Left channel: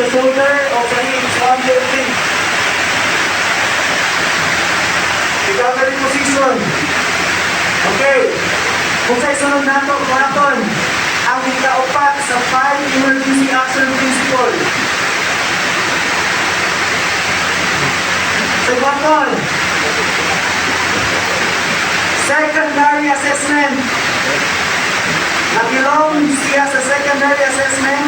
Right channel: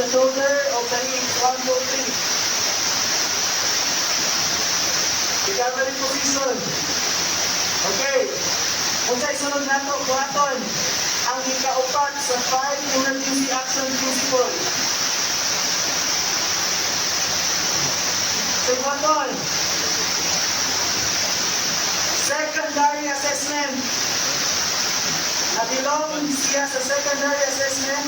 sa shoulder o sa hips, under feet. Recovery position. Okay. Kung sa isunod na ito, marathon, ang ikaapat sa 5 emergency action principle. Sa marathon, secondary assessment. Nagilong siya sa secondary assessment,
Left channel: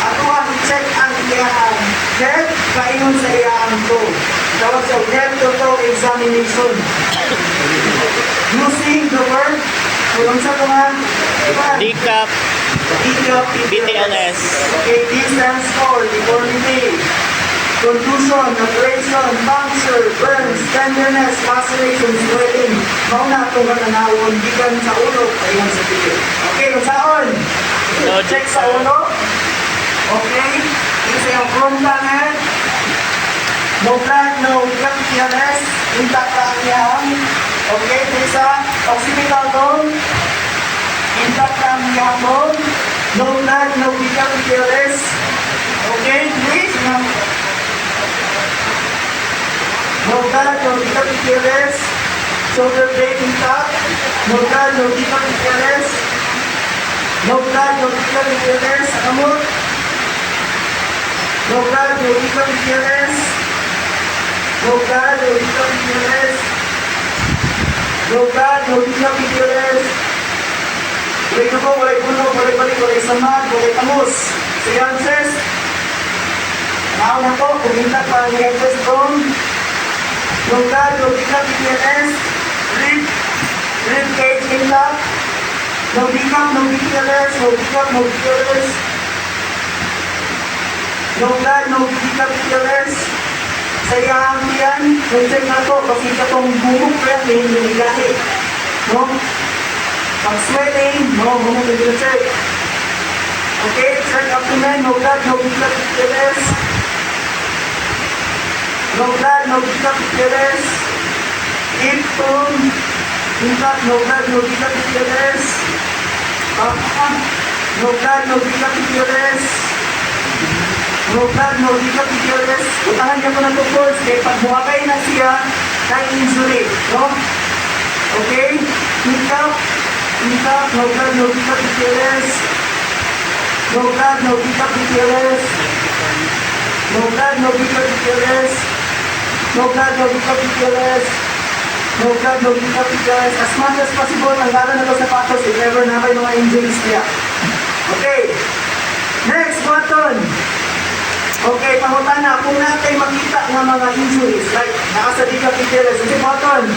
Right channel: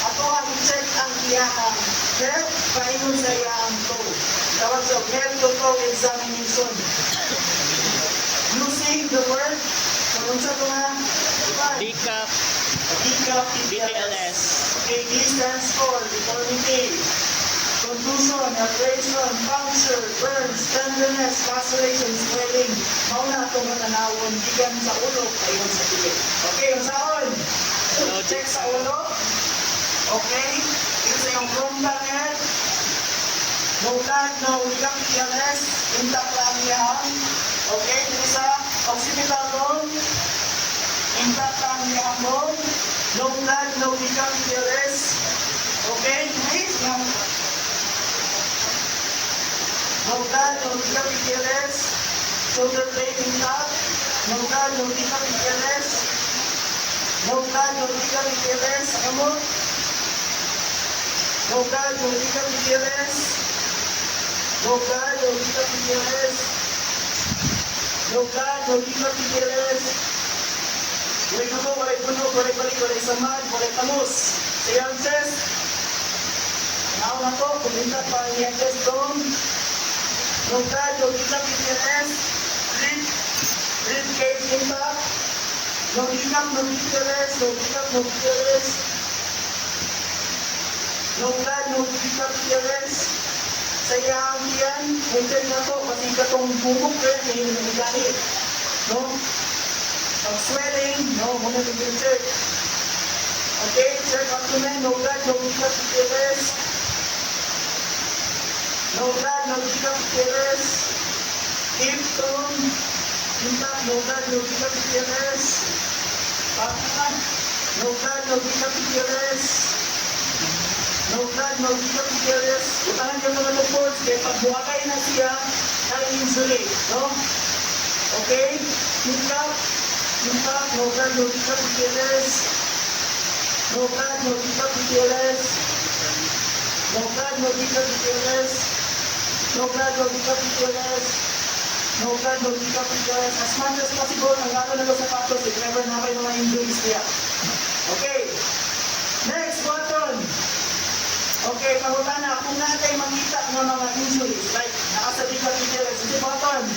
ato ang check ang iyang head, kaingon sa iyang to. Tawag sa head to toe examination. Using the word, kung sa naman, DCAP, BTLS. Okay, D stands for deformity, contusion, abrasion, puncture, burns, tenderness, laceration, swelling. Mauna itong matanawon, gikan sa ulo, ayun sa ticket. Okay, kung saan? Check sa ulo. Okay, kasi yung frontal head, no blood, no BTLS, intact ang iyang. Okay, sa occipital bone, intact ang iyang bone, no blood, no BTLS. Okay, please. No blood, no BTLS. Shoulder blade intact. No blood, no BTLS. No blood, no BTLS. Amot. No blood, no BTLS. No blood, no BTLS. No blood, no BTLS. Walay dugo, walay bunog, walay balik, walay samad, walay tamos. Sige, answers. Nauna po, kuminta pa ang headless bone. No blood, no BTLS. Rib cage intact. No decap, no BTLS. No decap, no BTLS. No blood, no BTLS. Sa iyang yan, check na to, kasi itong bumok ko yan, may hinigahi. No? Pag sweating, no, muna na check. Okay, check abdomen, no blood, no BTLS. No blood, no BTLS. Hip bone, intact, no blood, no BTLS. No blood, no BTLS. No blood, no BTLS. Utahan niya ko na ito course, kaya pag buwakay na siya, kaya injury, no? Okay, intact, no blood, no BTLS. No blood, no BTLS. No blood, no BTLS. No blood, no BTLS. No blood, no BTLS. As much as possible, nanggalan na ito sa patos if ever na kayo mga injuries niya. Okay. Next button. Okay, pahutan na. Kung natin makita ng mga injuries, like nakasa BTLS, okay, button.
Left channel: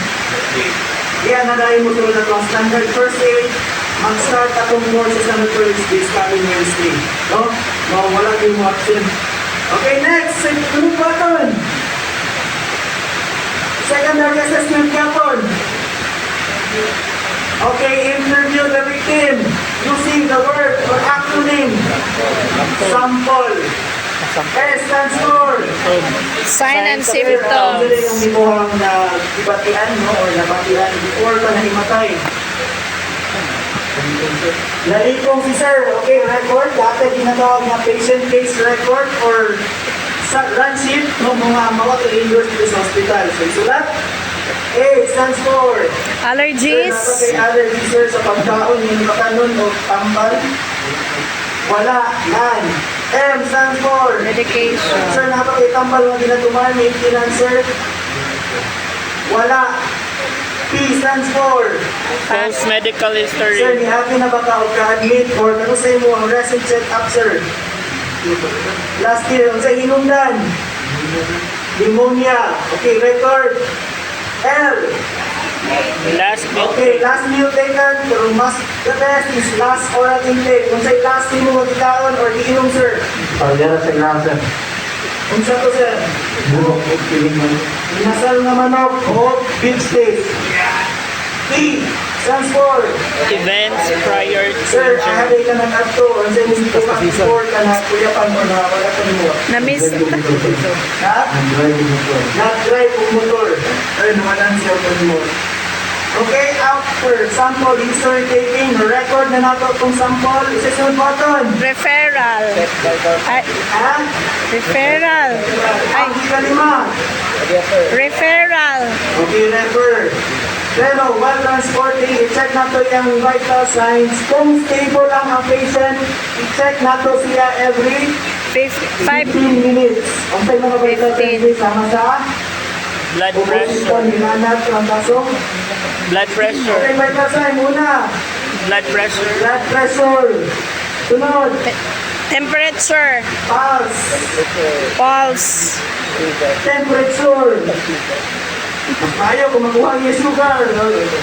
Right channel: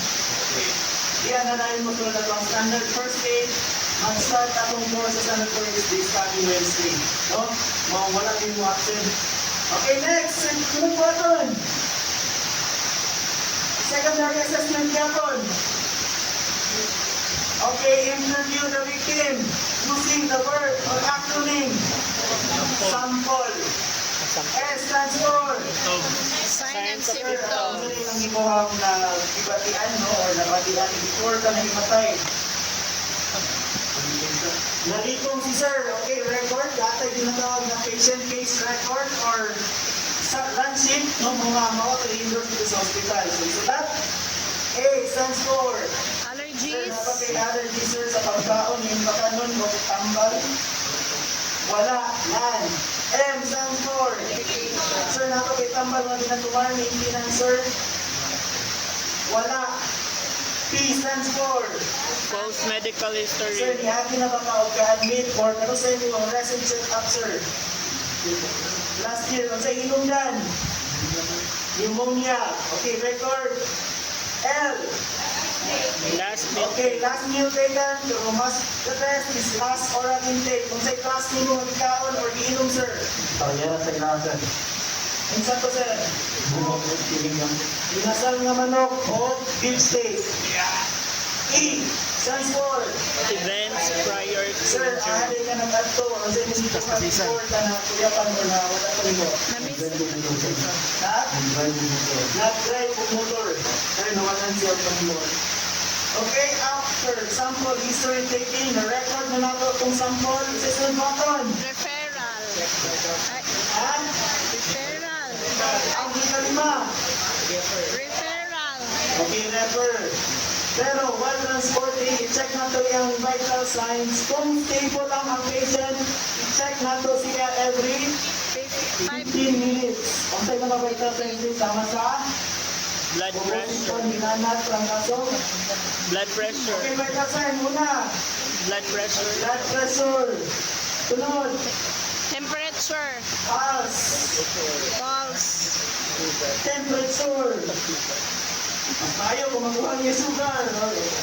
Yan, nadahin mo tulad ng standard first aid. Mag-start akong more sa standard first aid coming Wednesday. No? Mawala yung option. Okay, next. Second button. Secondary assessment button. Okay, interview the victim using the word or acronym. Sample. S stands for Sign and symptoms. ang imuhang na ibatian, no, or nabatian before ka nahimatay. Nalipong si sir, okay, record. Dati ginatawag na patient case record or run sheet ng mga mawag injured sa hospital. So, isulat. A stands for Allergies. Sir, dapat kay allergies, sir, sa pagkaon, yung makanon o tambal. Wala, none. M stands for Medication. Sir, dapat kay tambal na ginatuman, maintenance, sir. Wala. P stands for False medical Sir, history. nihabi na ba ka o ka-admit or ano sa imo ang recent check-up, sir? Last year, ang sa hinungdan. Pneumonia. Okay, record. L. Last meal. Okay, last meal taken, pero mas the best is last oral intake. Kung sa'y last meal mo magkakaon or iinom, sir. Pagdara sa ground, sir. Kung sa to, sir. Burok o piling man. Inasal na manok o beef steak. T. Stands for Events prior to Sir, injury. ahali ka nag-adto. Ang sa'yo mo before ka na kuyapan o na wala ka mo. Na-miss. Ha? Ang driving motor. Nag-drive o motor. Ay, naman ang siya ka mo. Okay, after sample history taking, record na nato itong sample. Isa-sunod button. Referral. Ay, Ha? referral. Ay, Ang kalima. referral. Okay, refer. Pero while transporting, i-check nato yung vital signs. Kung stable lang ang patient, i-check nato siya every 5 15 minutes. Ang sa mga vital 15. signs sama sa Blood ubusin pressure. hinanap ng baso. Blood pressure. Okay, vital sign. Una, Blood pressure. blood pressure. Sunod, temperature. pulse, Pulse. temperature. Mas tayo kung makuha niya sugar.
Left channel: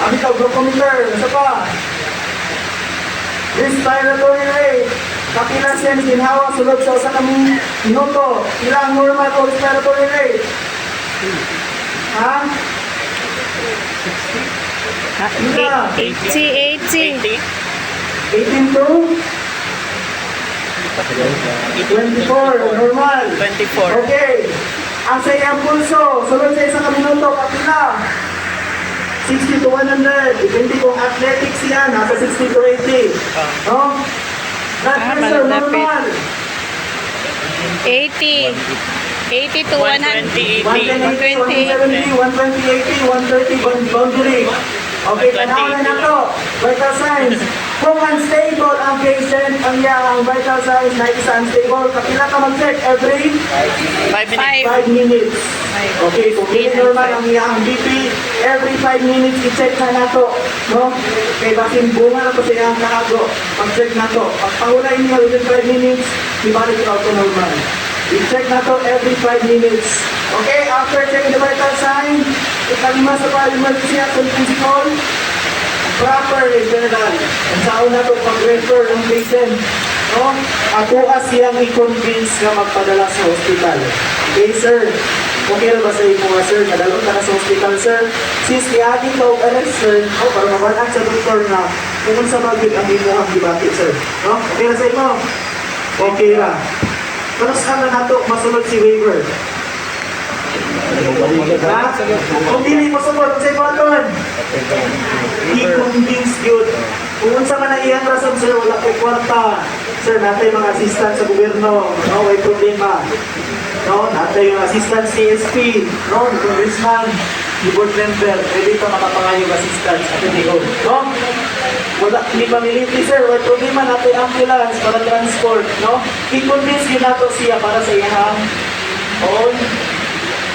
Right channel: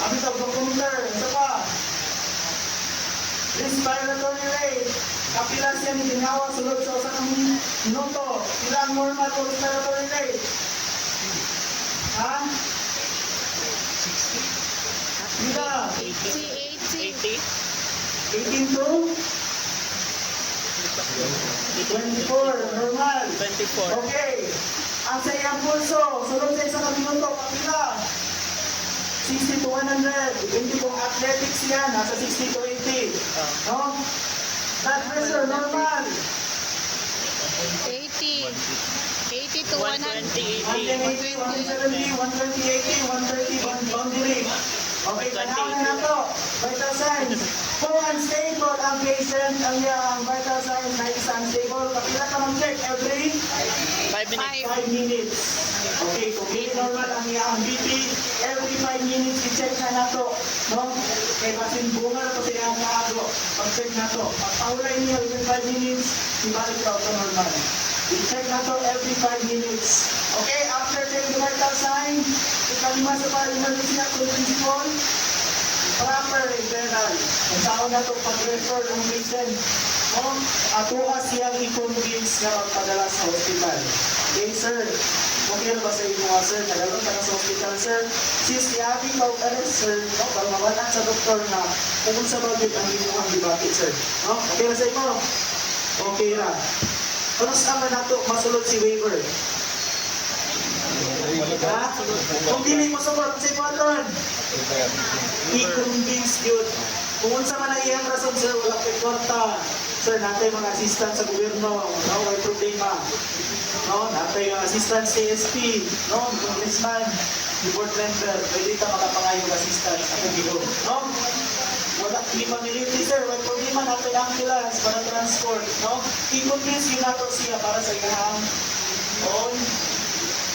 Ami ka, glucometer. Isa pa. Respiratory rate. Kapila siya ni ginhawa sulod sa usa ka minuto. Ilang normal o respiratory rate? Ha? Ah, 80. 80. 18 to 24. Normal. 24. Okay. Ang sa iyang pulso, sunod sa isang minuto, kapila. 60 to 100. Depende kung athletics yan, nasa 60 to 80. No? Blood pressure, malapit. normal. 80. 80 to 100. 110, 80, 170, 120, 80, 130 boundary. Okay, panahon na to. Vital signs. Kung unstable ang patient, ang iyang vital signs na isa unstable, kapila ka mag-check every 5 minutes. 5 minutes. Okay, kung hindi normal ang iyang BP, every 5 minutes i-check na nato. No? Kay basin bunga na to sa iyang kaago. Pag-check na to. Pag pahulay niya within 5 minutes, ibalik ito to normal. I-check na to every 5 minutes. Okay, after checking the vital sign, ikalima sa emergency action principle, proper referral. Ang saon na to pag-refer ng patient. No? Ako siyang i-convince na magpadala sa hospital. Okay, sir. Okay na ba sa imo nga, sir? Nadalot na sa hospital, sir. Since niagi ka og arrest, sir, no? Para mabalaan sa doktor na kung sa bagay ang imo ang gibati, sir. No? Okay na sa imo? Okay na. Pero sa na nato masulod si waiver. Ha? Kung dili mo sumod sa ibaton, i-convince yun. Kung unsa man ang iyang rason, sir, wala ko'y kwarta. Sir, natay mga assistant sa gobyerno. No, may problema. No, natay yung assistant CSP. No, congressman, yung board member. Pwede ka makapangayong assistant sa PTO. No? Wala, hindi pa military, sir. May problema natay ambulance para transport. No? I-convince yun nato siya para sa iyang own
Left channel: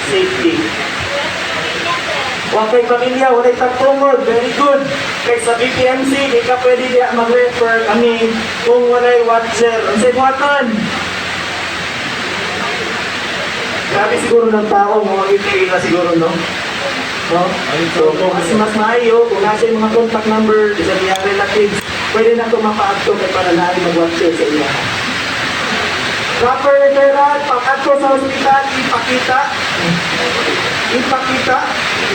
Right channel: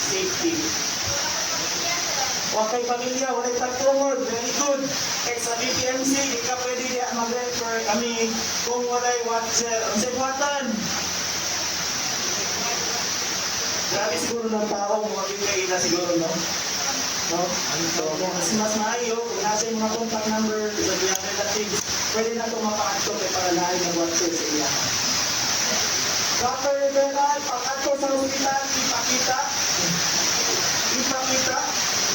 safety. Huwag kay pamilya, wala tagtungod, very good. Kay sa BPMC, di ka pwede diya mag-refer kami kung wala'y watcher. Ang sibwatan. Grabe siguro ng tao, mga BPA na siguro, no? No? So, kung mas maayo, kung nasa yung mga contact number, isa niyang relatives, pwede na ito mapa-acto kay para na mag-watcher sa iya. Proper referral, pag-acto sa hospital, ipakita. Ipakita.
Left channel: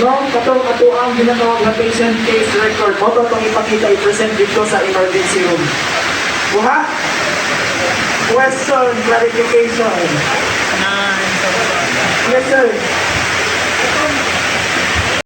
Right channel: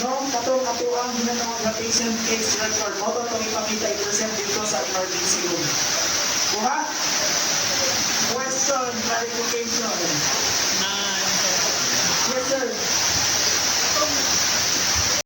No, katong ato ang ginatawag na patient case record. Mo to itong ipakita, i-present dito sa emergency room. Buha? Question, clarification. Yes, sir.